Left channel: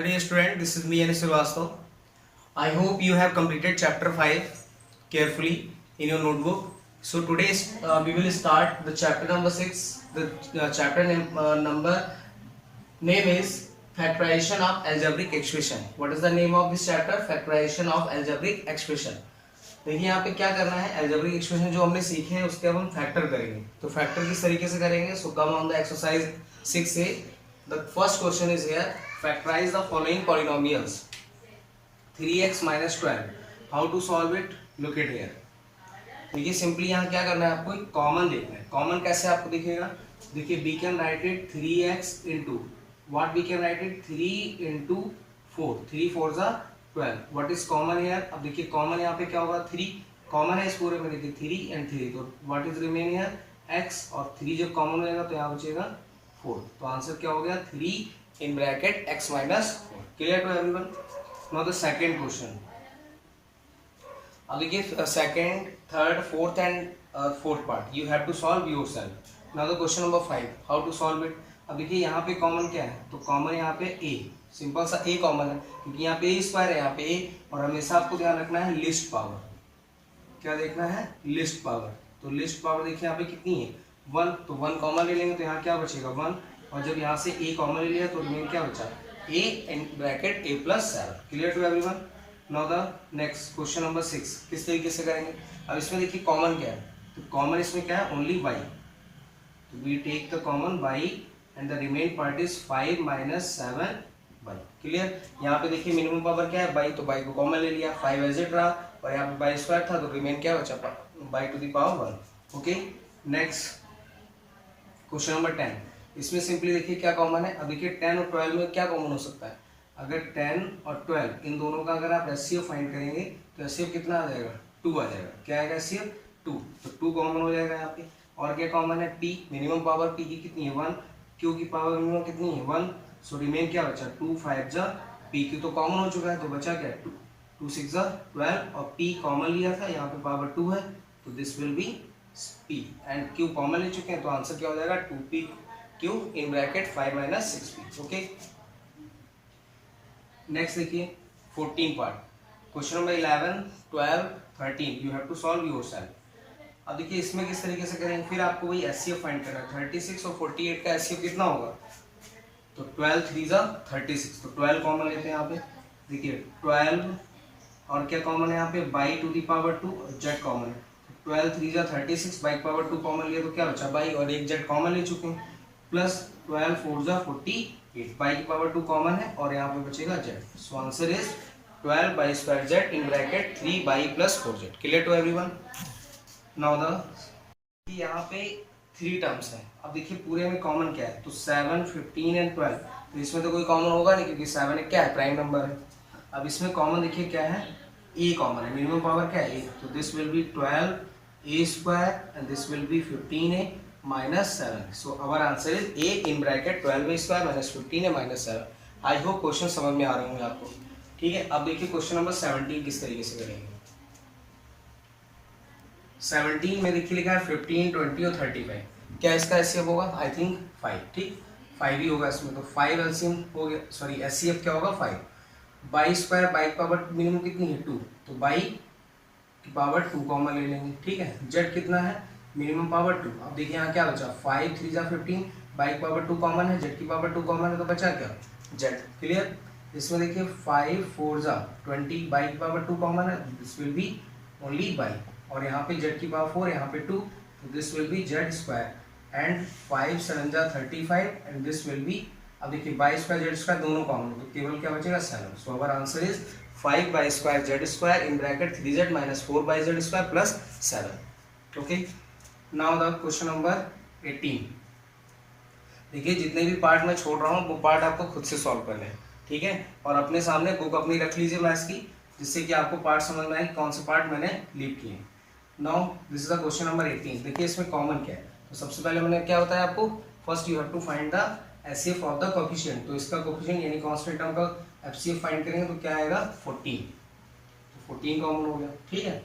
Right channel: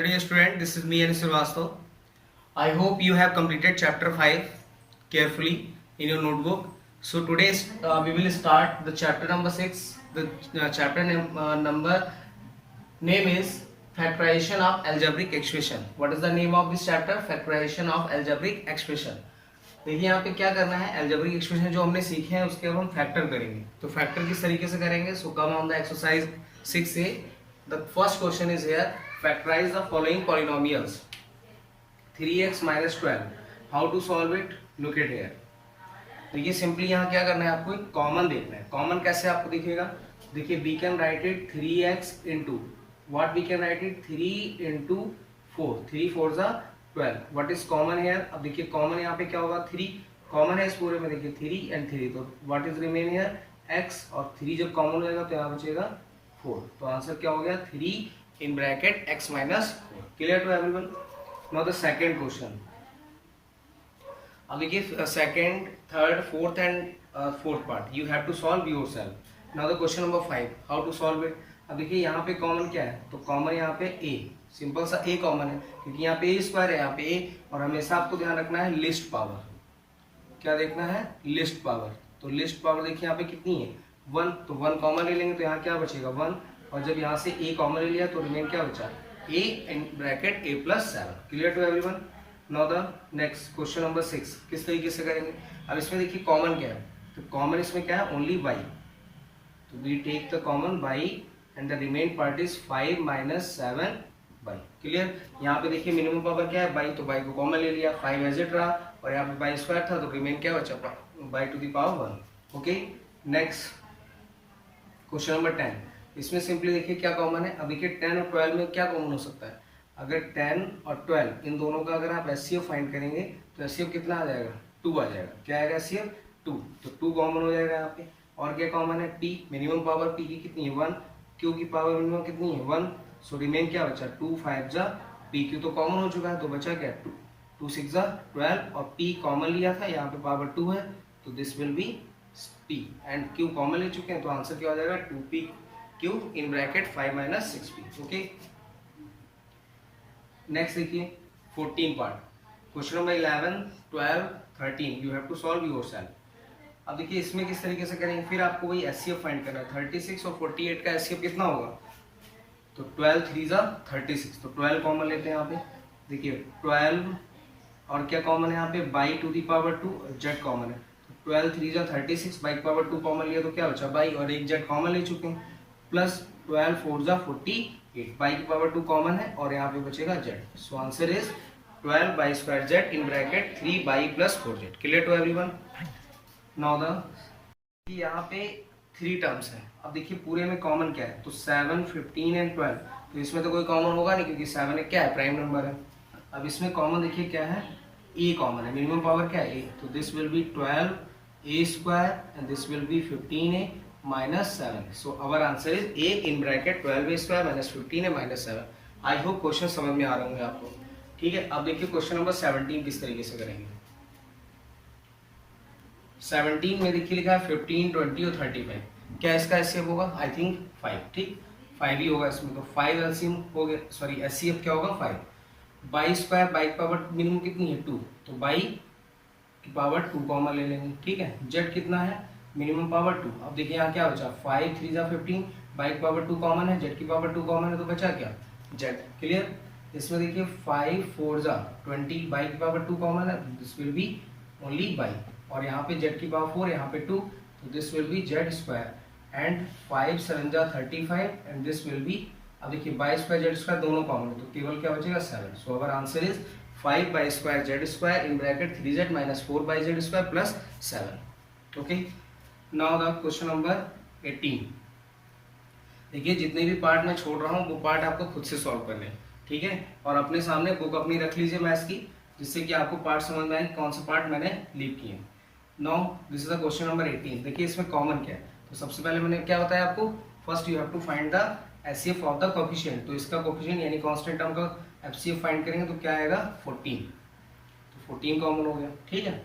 Hello dear student, this is me Anis Srivastava. I hope you have completed chapter 5 carefully in your notebook. So today we will start the chapter number 6. The chapter number name is factorization of algebraic expression. What is the name of this chapter? Factorization of algebraic expression. देखिए यहाँ पे क्या करना है, algebraic expression जो हमने सीखे हैं उसके अब हम फैक्टर करेंगे. तो फैक्टर किस तरीके से करेंगे? So come on the exercise 6A. The first question is here. Factorize the following polynomials. 3x minus 12. How to solve it? Look at here. देखिए सिंपली यहाँ क्या करना है, आपको एक कॉमन देखना है. कॉमन कैसे आपको दिखेगा? देखिए we can write it 3x into what we can write it 3 into 4. 3 4 जा 12. What is common here? अब देखिए कॉमन यहाँ पे क्या होगा, 3 कॉमन है इस पूरे में. देखिए 3 and 3, तो what is remain here? x, और 3 जब कॉमन हो जाएगा तो यहाँ बचेगा 4. तो आंसर क्या हो गया? 3 in bracket x minus 4. Clear to everyone? Now the second question. अब देखिए second, third, fourth and fourth part you have to solve yourself. Now the question number 5, how to solve it. अब देखिए यहाँ पे common क्या है, तो common यहाँ पे a, सिंपल सा a कॉमन है क्योंकि यहाँ पे a स्क्वायर है, यहाँ पे a, और हमेशा आपको ध्यान रखना है लिस्ट पावर. क्या देखना है? List power. तो लिस्ट पावर देखिए यहाँ पे कितनी है? 1. तो 1 कॉमन ले लेंगे तो यहाँ क्या बचेगा? 1. और जब यहाँ से a कॉमन ले लिया तो रिमेन क्या बचा? a in bracket a plus 7. Clear to everyone? Now the next question number 6 किस तरीके से करेंगे. अब इसमें देखिए कॉमन क्या है, तो कॉमन इसमें क्या है? Only y. तो we take the common y and the remain part is 5 minus 7y. Clear? यहाँ पे देखिए मिनिमम पावर क्या है? y. तो y को कॉमन ले लिया, 5 एज इट रहा, और यहाँ पे y स्क्वायर था तो रिमेन क्या बचा? y to the power 1. Okay, next question number 10. इसमें सिंपली देखिए क्या कॉमन है. अब देखिए 10 और 12 में क्या कॉमन हो सकता है? अगर 10 और 12 इन दोनों का अगर आप एचसीएफ फाइंड करेंगे तो एचसीएफ कितना आ जाएगा? 2 आ जाएगा. क्या आएगा? एचसीएफ 2. तो 2 कॉमन हो जाएगा यहाँ पे. और क्या कॉमन है? p, मिनिमम पावर p की कितनी है? 1. q की पावर मिनिमम कितनी है? 1. सो रिमेन क्या बचा? 2 5 जा p. q तो कॉमन हो चुका है तो बचा क्या? 2 6 जा 12, और p कॉमन लिया था, यहाँ पे पावर 2 है तो this will B p, and q common ले चुके हैं तो आंसर क्या हो जाएगा? 2p q in bracket 5 minus 6p. Okay, next देखिए 14 part. Question number 11, 12, 13 you have to solve yourself. अब देखिए इसमें किस तरीके से करेंगे, फिर आपको वही एचसीएफ फाइंड करना है. 36 और 48 का एचसीएफ कितना होगा? तो 12 3 जा 36, तो 12 कॉमन लेते हैं यहाँ पे. देखिए 12 और क्या कॉमन है यहाँ पे? Y to the power 2, z common है. तो 12 3 जा 36, बाई पावर 2 कॉमन लिया तो क्या बचा? बाई, और एक जेड कॉमन ले चुके हैं, प्लस 12 4 जा 48, बाई की पावर 2 कॉमन है और यहाँ पे बचेगा z. So answer is 12 y square z in bracket 3 y plus 4 z. Clear to everyone? Now the यहाँ पे 3 टर्म्स हैं. अब देखिए पूरे में कॉमन क्या है, तो 7 15 एंड 12. तो इसमें तो कोई कॉमन होगा नहीं क्योंकि 7 एक क्या है? प्राइम नंबर है. अब इसमें कॉमन देखिए क्या है? a कॉमन है, मिनिमम पावर क्या है? a. तो this will B 12 a square and this will B 15a minus 7. So our answer is a in bracket 12a square minus 15a minus 7. I hope question समझ में आ रहे होंगे आपको. ठीक है, अब देखिए क्वेश्चन नंबर 17 किस तरीके से करेंगे. 17 में देखिए लिखा है 15 20 और 35. क्या इसका एचसीएफ होगा? I think 5. ठीक, 5 ही होगा इसमें. तो 5 एलसीएम हो गया, सॉरी एचसीएफ क्या होगा? 5. By square, by power minimum कितनी है? 2, तो बाई की पावर 2 कॉमन ले लेंगे. ठीक है, जेड कितना है? Minimum power 2. अब देखिए यहाँ क्या बचा? 5 3 जा 15, बाई की पावर 2 कॉमन है, जेड की पावर 2 कॉमन है तो बचा क्या? जेड. क्लियर? इसमें देखिए 5 4 जा 20, बाई की पावर 2 कॉमन है, this will B only by, और यहाँ पे जेड की पावर 4, यहाँ पे 2, तो this will B Z square, and 5 7 जा 35 एंड दिस विल बी. अब देखिए बाई स्क्वायर जेड स्क्वायर दोनों कॉमन है तो केवल क्या बचेगा? 7. So our answer is 5 by square z square in bracket 3z minus 4 by z square plus 7. Okay, now the question number 18. देखिए जितने भी पार्ट मैं छोड़ रहा हूँ वो पार्ट आपको खुद से सॉल्व करने हैं. ठीक है, और अपने सामने बुक अपनी रख लीजिए मैथ्स की, जिससे कि आपको पार्ट समझ में आए कौन से पार्ट मैंने लीव किए. Now this is the question number 18. देखिए इसमें कॉमन क्या है, तो सबसे पहले मैंने क्या बताया आपको? First you have to find the HCF of the coefficient. तो इसका कोफिशिएंट यानी कांस्टेंट टर्म का एचसीएफ फाइंड करेंगे तो क्या आएगा? 14. तो 14 कॉमन हो गया. ठीक है,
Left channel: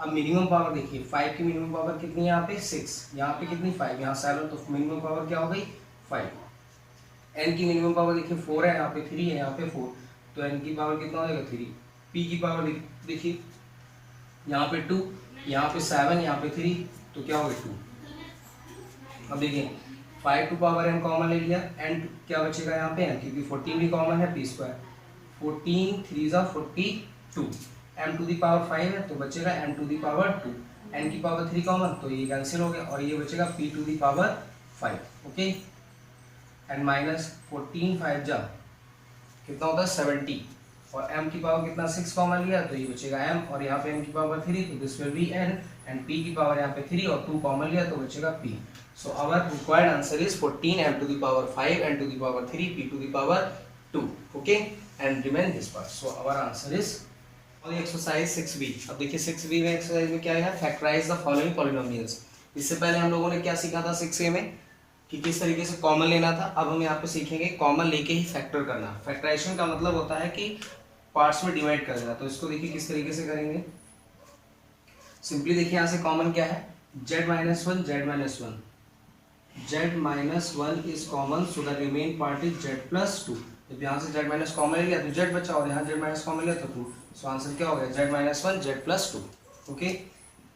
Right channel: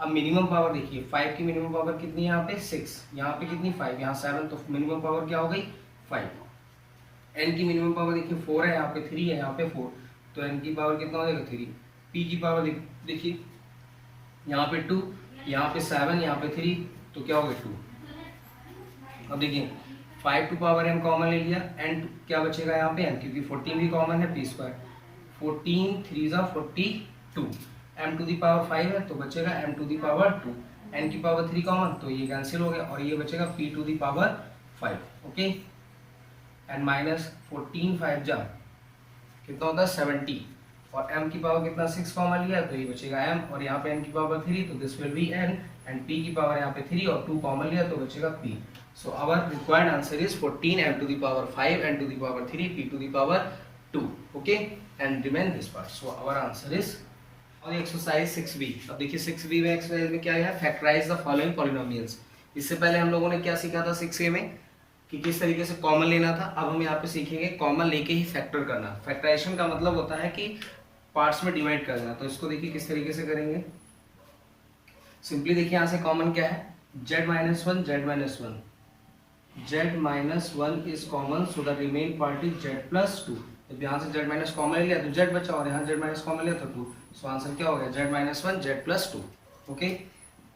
अब मिनिमम पावर देखिए 5 की मिनिमम पावर कितनी है? यहाँ पे 6, यहाँ पे कितनी? 5, यहाँ 7, तो मिनिमम पावर क्या हो गई? 5. n की मिनिमम पावर देखिए 4 है, यहाँ पे 3 है, यहाँ पे 4, तो n की पावर कितना हो जाएगा 3। p की पावर देखिए यहाँ पे 2, यहाँ पे 7, यहाँ पे 3, तो क्या हो गया 2। अब देखिए 5 टू पावर m कॉमन ले लिया, n क्या बचेगा यहाँ पे n, क्योंकि 14 भी कॉमन है, p स्क्वायर 14 3 जा 42, m टू दी पावर 5 है तो बचेगा m to the power 2, n की पावर 3 कॉमन तो ये कैंसिल हो गया और ये बचेगा p to the power 5। Okay, and minus 14 5 जा कितना होता है 70, और m की पावर कितना 6 कॉमन लिया तो ये बचेगा m, और यहाँ पे n की पावर 3 तो this will be n, and p की पावर यहाँ पे 3 और 2 कॉमन लिया तो बचेगा p। So our required answer is 14 m to the power 5 n to the power 3 p to the power 2। Okay, and remain this part. So our answer is और exercise 6b। अब देखिए 6b में exercise में क्या है, factorise the following polynomials. इससे पहले हम लोगों ने क्या सीखा था 6a में कि किस तरीके से कॉमन लेना था। अब हम यहाँ पे सीखेंगे कॉमन लेके ही फैक्टर करना। फैक्टराइजेशन का मतलब होता है कि पार्ट्स में डिवाइड कर देना। तो इसको देखिए किस तरीके से करेंगे। सिंपली देखिए यहाँ से कॉमन क्या है, z minus one z minus one, z minus one is common, so the remain part is z plus to. जब यहाँ से z माइनस कॉमन ले लिया तो z बचा, और यहाँ z माइनस कॉमन लिया तो 2, सो आंसर क्या हो गया z minus one z plus two. Okay,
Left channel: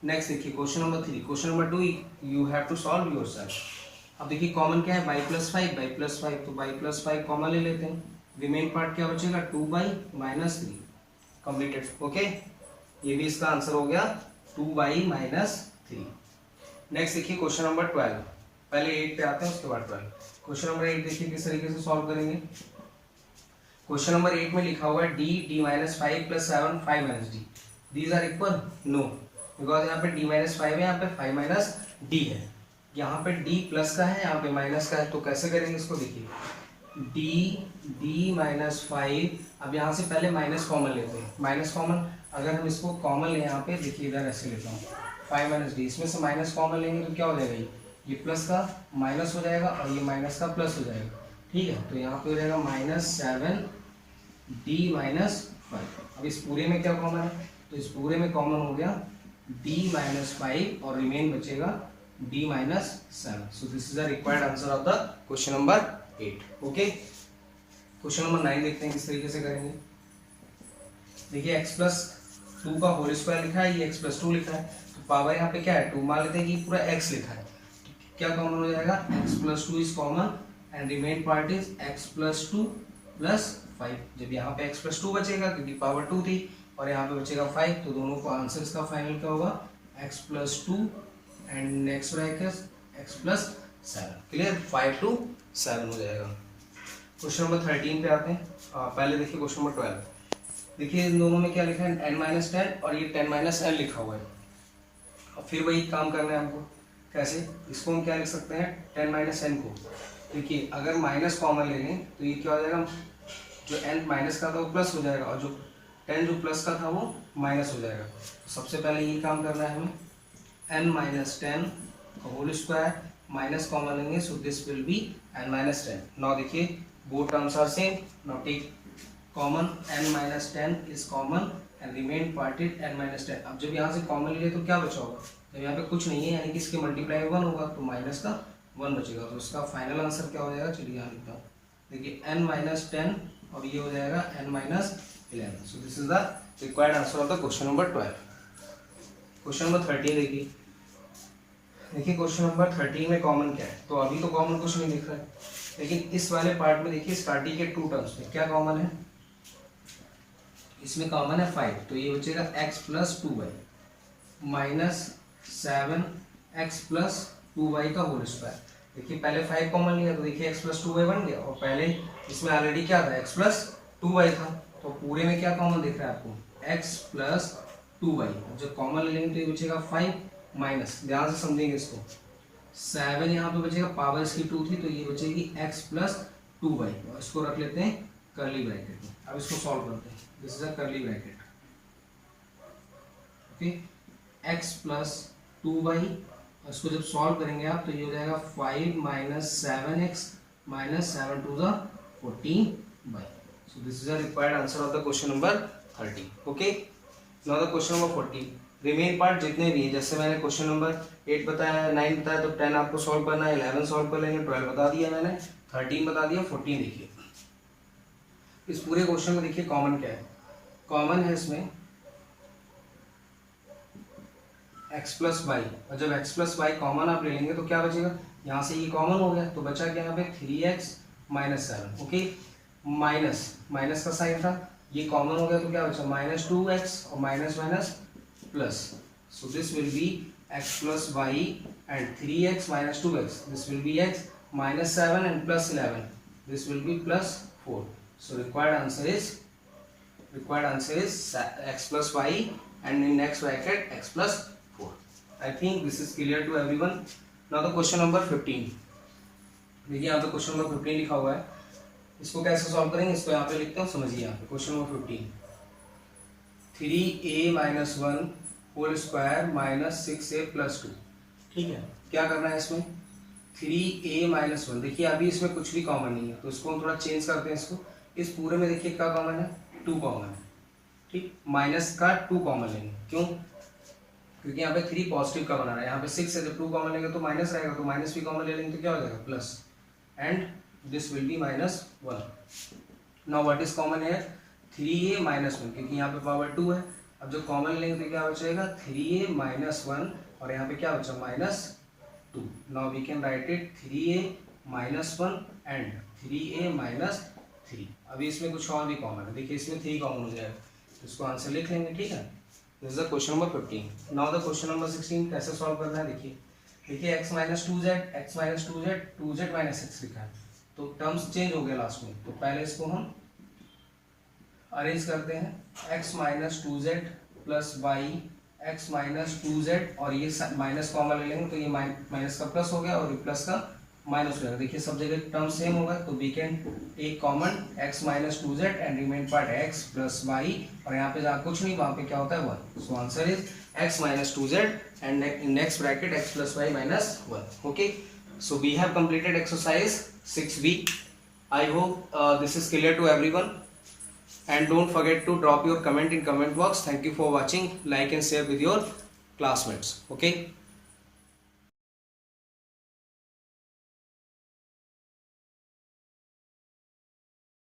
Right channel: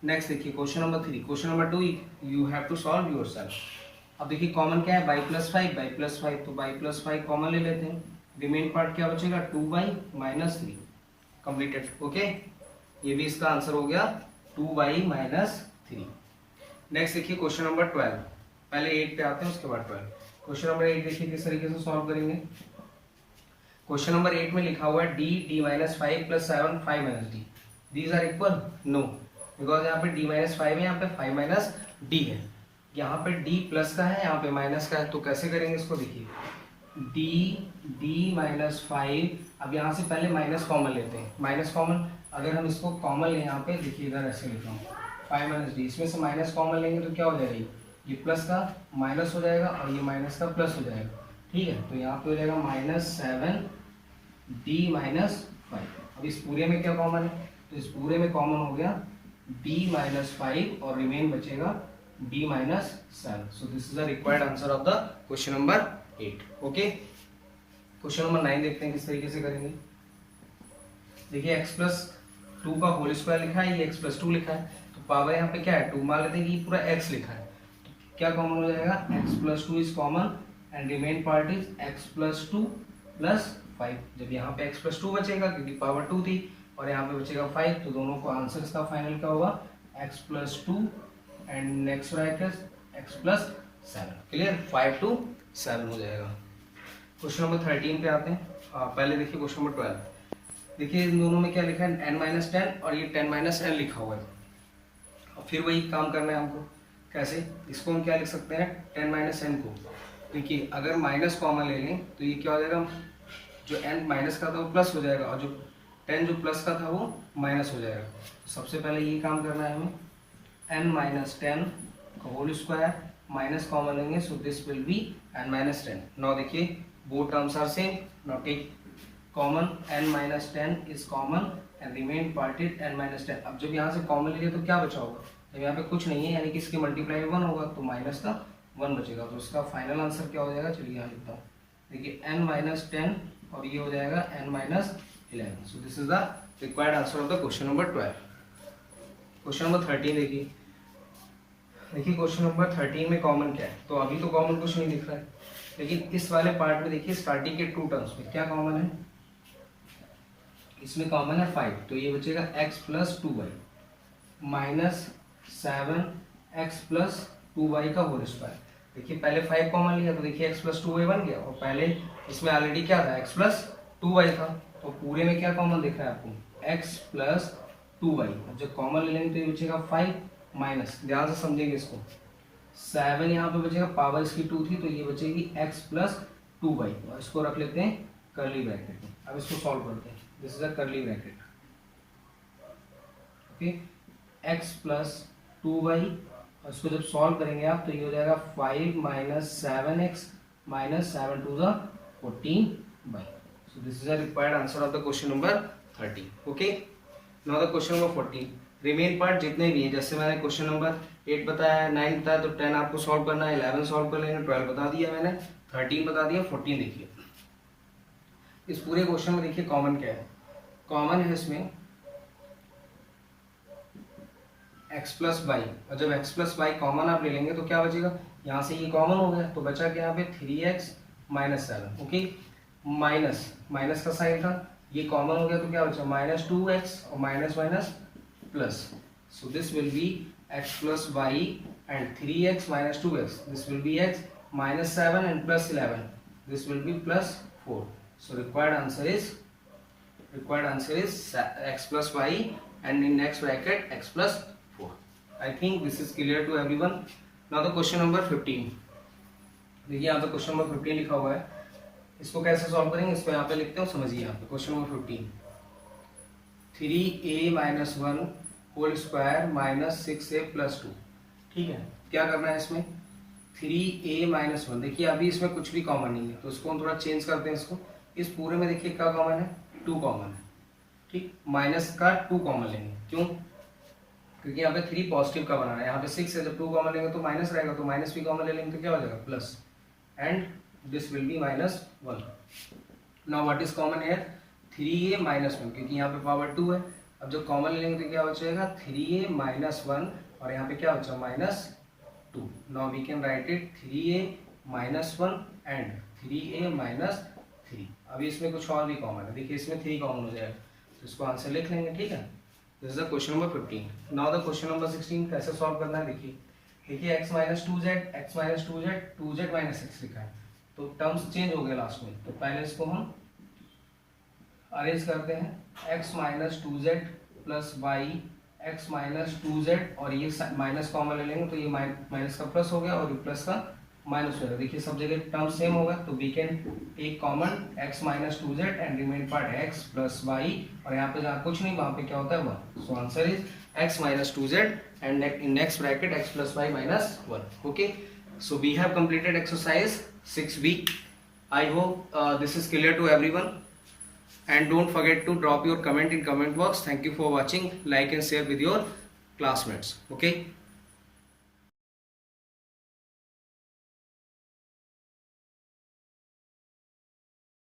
next देखिए question number 3। Question number 2 you have to solve yourself. अब देखिए कॉमन क्या है, बाई प्लस 5, तो बाई प्लस 5 कॉमन ले लेते हैं। रिमेन पार्ट क्या बचेगा 2 बाई माइनस 3, कंप्लीटेड। ओके, ये भी इसका आंसर हो गया 2 बाई माइनस 3। नेक्स्ट देखिए क्वेश्चन नंबर 12, पहले 8 पे आते हैं उसके बाद 12। क्वेश्चन नंबर 8 देखिए किस तरीके से सॉल्व करेंगे। क्वेश्चन नंबर 8 में लिखा हुआ है d minus 5 plus 7 5 minus d, these are equal, no, because यहाँ पे d माइनस 5 है, यहाँ पे 5 माइनस d है, यहाँ पे d प्लस का है, यहाँ पे माइनस का है। तो कैसे करेंगे इसको, देखिए d माइनस 5, अब यहाँ से पहले माइनस कॉमन लेते हैं। माइनस कॉमन अगर हम इसको कॉमन लें, यहाँ पे देखिए इधर ऐसे लिखा हूँ 5 माइनस डी, इसमें से माइनस कॉमन लेंगे तो क्या हो जाएगा, ये प्लस का माइनस हो जाएगा और ये माइनस का प्लस हो जाएगा। ठीक है, तो यहाँ पे हो जाएगा माइनस 7 डी माइनस 5। अब इस पूरे में क्या कॉमन है, तो इस पूरे में कॉमन हो गया d माइनस 5 और रिमेन बचेगा d minus 7। So this is the required answer of the question number 8। Okay, question number 9 देखते हैं किस तरीके से करेंगे। देखिए x प्लस 2 का होल स्क्वायर लिखा है, ये x प्लस 2 लिखा है, तो पावर यहाँ पे क्या है 2, मान लेते हैं कि पूरा x लिखा है, तो क्या कॉमन हो जाएगा x plus 2 is common and remain part is x plus 2 plus 5। जब यहाँ पे x प्लस 2 बचेगा क्योंकि पावर 2 थी और यहाँ पे बचेगा 5, तो दोनों को आंसर इसका फाइनल क्या होगा x plus 2 and next bracket x plus 7। Clear, 5 to 7 हो जाएगा। क्वेश्चन नंबर 13 पे आते हैं। पहले देखिए क्वेश्चन नंबर 12, देखिए इन दोनों में क्या लिखा है n माइनस 10 और ये 10 माइनस n लिखा हुआ है। और फिर वही काम करना है हमको, कैसे, इसको हम क्या लिख सकते हैं 10 माइनस n को, देखिए अगर माइनस कॉमन ले लें तो ये क्या हो जाएगा, जो n माइनस का था वो प्लस हो जाएगा और जो 10 जो प्लस का था वो माइनस हो जाएगा। तो सबसे पहले ये काम करना है हमें, n माइनस 10 का होल स्क्वायर माइनस कॉमन लेंगे, so this will be n minus 10। Now देखिए both terms are same, now take common, n minus 10 is common and remain part is n minus 10। अब जब यहाँ से कॉमन ले लिया तो क्या बचा होगा, जब यहाँ पे कुछ नहीं है यानी कि इसके मल्टीप्लाई में 1 होगा तो माइनस का 1 बचेगा, तो इसका फाइनल आंसर क्या हो जाएगा, चलिए यहाँ लिखता हूँ, देखिए n माइनस 10 और ये हो जाएगा n minus 11। So this is the required answer of the question number 12। Question number 13 देखिए, देखिए क्वेश्चन नंबर 13 में कॉमन क्या है, तो अभी तो कॉमन कुछ नहीं दिख रहा है, लेकिन इस वाले पार्ट में देखिए स्टार्टिंग के 2 टर्म्स में क्या कॉमन है, इसमें कॉमन है 5, तो ये बचेगा x plus 2y minus 7x plus 2y का होल स्क्वायर। देखिए पहले 5 कॉमन लिया तो देखिए x प्लस 2y बन गया, और पहले इसमें ऑलरेडी क्या था x प्लस 2y था, तो पूरे में क्या कॉमन दिख रहा है आपको x प्लस 2y। जब कॉमन ले लेंगे तो ये बचेगा 5 माइनस, ध्यान से समझेंगे इसको, 7 यहाँ पे बचेगा, पावर इसकी 2 थी तो ये बचेगी x प्लस 2y, और इसको रख लेते हैं कर्ली ब्रैकेट में। अब इसको सॉल्व करते हैं, this is a curly bracket, okay, x plus 2y, और इसको जब सॉल्व करेंगे आप तो ये हो जाएगा 5 minus 7x minus 7 to the 14 y. So this is a required answer of the question number 30। Okay, now the question number 40, remain part जितने भी है, जैसे मैंने क्वेश्चन नंबर 8 बताया, 9 बताया, तो 10 आपको सॉल्व करना है, 11 सॉल्व कर लेंगे, 12 बता दिया मैंने, 13 बता दिया, 14 देखिए। इस पूरे क्वेश्चन में देखिए कॉमन क्या है, कॉमन है इसमें x प्लस वाई, और जब x प्लस वाई कॉमन आप ले लेंगे तो क्या बचेगा, यहाँ से ये कॉमन हो गया तो बचा क्या यहाँ पे 3x माइनस 7, ओके, माइनस का साइन था, ये कॉमन हो गया तो क्या बचा -2x और minus minus plus, so this will be x plus y and 3x minus 2x, this will be x -7 and plus 11, this will be plus 4, so required answer is x plus y and in next bracket x plus 4. I think this is clear to everyone. Now the question number 15. देखिए यहाँ पे question number 15 लिखा हुआ है, इसको कैसे solve करेंगे, इसको यहाँ पे लिखते हो, समझिए यहाँ पे question number 15, 3a minus 1 whole square minus 6a plus 2, ठीक है। क्या करना है इसमें, 3a माइनस 1, देखिए अभी इसमें कुछ भी कॉमन नहीं है तो इसको हम थोड़ा चेंज करते हैं, इसको इस पूरे में देखिए क्या कॉमन है, 2 कॉमन है, ठीक, माइनस का 2 कॉमन लेंगे, क्यों, क्योंकि यहाँ पे 3 पॉजिटिव का बनाना है, यहाँ पे 6 है, जब 2 कॉमन लेंगे तो माइनस रहेगा, तो माइनस भी कॉमन ले लेंगे तो क्या हो जाएगा plus, and this will B -1. Now what is common here, 3a minus 1, क्योंकि यहाँ पे पावर 2 है, अब जब कॉमन लेंगे तो क्या बचेगा 3a माइनस 1, और यहाँ पे क्या बचा -2. Now we can write it 3a minus 1 and 3a minus 3. अभी इसमें कुछ और भी कॉमन है, देखिए इसमें 3 कॉमन हो जाएगा, तो इसको आंसर लिख लेंगे, ठीक है। This is the question number 15. Now the question number 16 कैसे सॉल्व करना है, देखिए x माइनस 2z माइनस 6 लिखा है, तो टर्म्स चेंज हो गया लास्ट में, तो पहले इसको हम अरेंज करते हैं, x minus 2z plus y, x minus 2z, और ये माइनस कॉमन ले लेंगे तो ये माइनस का प्लस हो गया और ये प्लस का माइनस हो जाएगा, देखिए सब जगह टर्म सेम होगा, तो we can take common x minus 2z and remain part x plus y, और यहाँ पे जहाँ कुछ नहीं वहाँ पे क्या होता है 1, so answer is x minus 2z and in next bracket x plus y minus 1. Okay, so we have completed exercise 6b. I hope this is clear to everyone, and don't forget to drop your comment in comment box. Thank you for watching, like and share with your classmates. Okay.